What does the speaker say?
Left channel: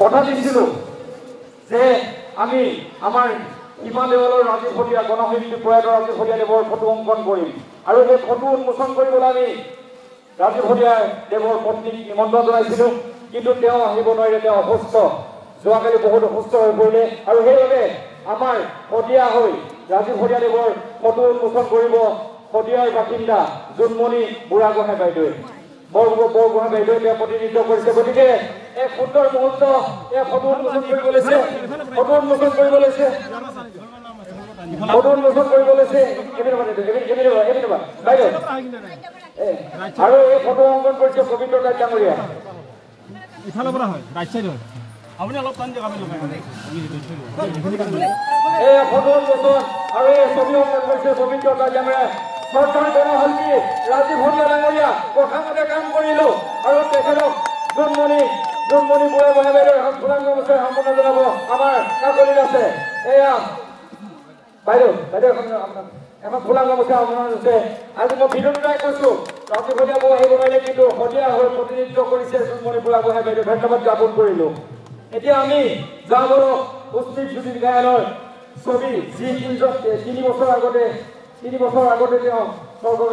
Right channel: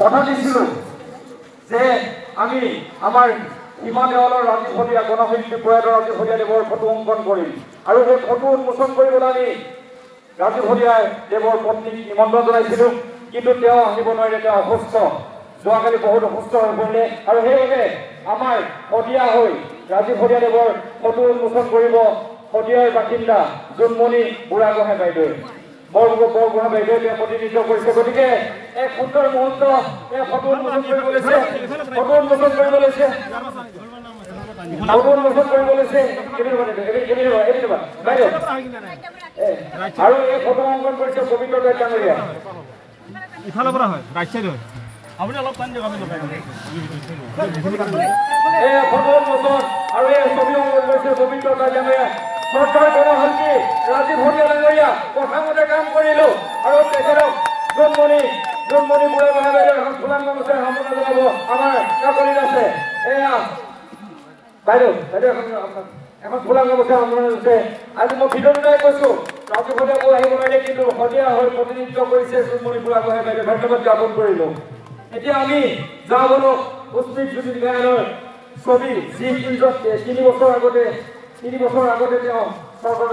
কথা দিছিলো যে আমি আমাৰ হিমালয়ৰ ৰাজীৱৰীয়া গণশিল্পী প্ৰয়াত ৰাজীৱৰীয়া দেৱৰ ফটো অংকন কৰিম আৰু সেই ফটো উন্মোচন কৰিবলৈ আমি ৰাজীৱৰীয়া দেৱৰ পত্নীক নিমন্ত্ৰণ জনাইছিলো কিন্তু তেওঁ আহিব নোৱাৰিলে তেওঁ অসুস্থ যোৱাকালি বহুত অসুস্থ হৈ পৰিলে আৰু সেইবাবে আমাৰ শদিয়া হৈ ৰাজীৱৰীয়া দেৱৰ ফটো উন্মোচন কৰিব শদিয়াৰ বাসিন্দা জোনমণি বুঢ়াগোহাঁই বাইদেউ বৰগোহাঁই বাইদেৱে তেওঁ প্ৰতিনিধিত্ব কৰিছে গতিকে এক সুন্দৰ মুহূৰ্ত এই ফটো উন্মোচন কৰিব লৈছে আৰু এই ফটো অংকন কৰিছে পবিত্ৰ ডাঙৰীয়া ইফালৰ পৰা হয় ৰাইট চাইড হয় আপুনি অলপ টান দিয়ক আমি এই ফটো উন্মোচন আৰু এই ছবি অংকন কৰিছে পবিত্ৰ ডাঙৰীয়া চৰকাৰৰ গণশিল্পী ৰাজীৱৰীয়া ডাঙৰীয়া কথামতে কাম কৰিলো আৰু তেখেতক জোনমণি বুঢ়াগোহাঁই বাইদেউ এখন ফুলাম গামোচা সম্পন্ন জনাব আমাৰ কাকলিত আছে এয়া বাইদেউ এখন ফুলাম গামোচা সম্পন্ন হৈছে আজি মই ভিতৰলৈ কৈছো ৰাজীৱৰীয়া বৌ আহিব নোৱাৰিলে কিন্তু শদিয়া হৈ প্ৰতিনিধিত্ব কৰিছে জোনমণি বুঢ়াগোহাঁই বাইদেউ ধন্যবাদ জ্ঞাপন কৰিলো এতিয়া আমি যাওঁ বলক পুষ্পিক জ্যোতি গায়নৰ ছবি যি 3 বছৰ আগতে তেওঁ চৰকাৰ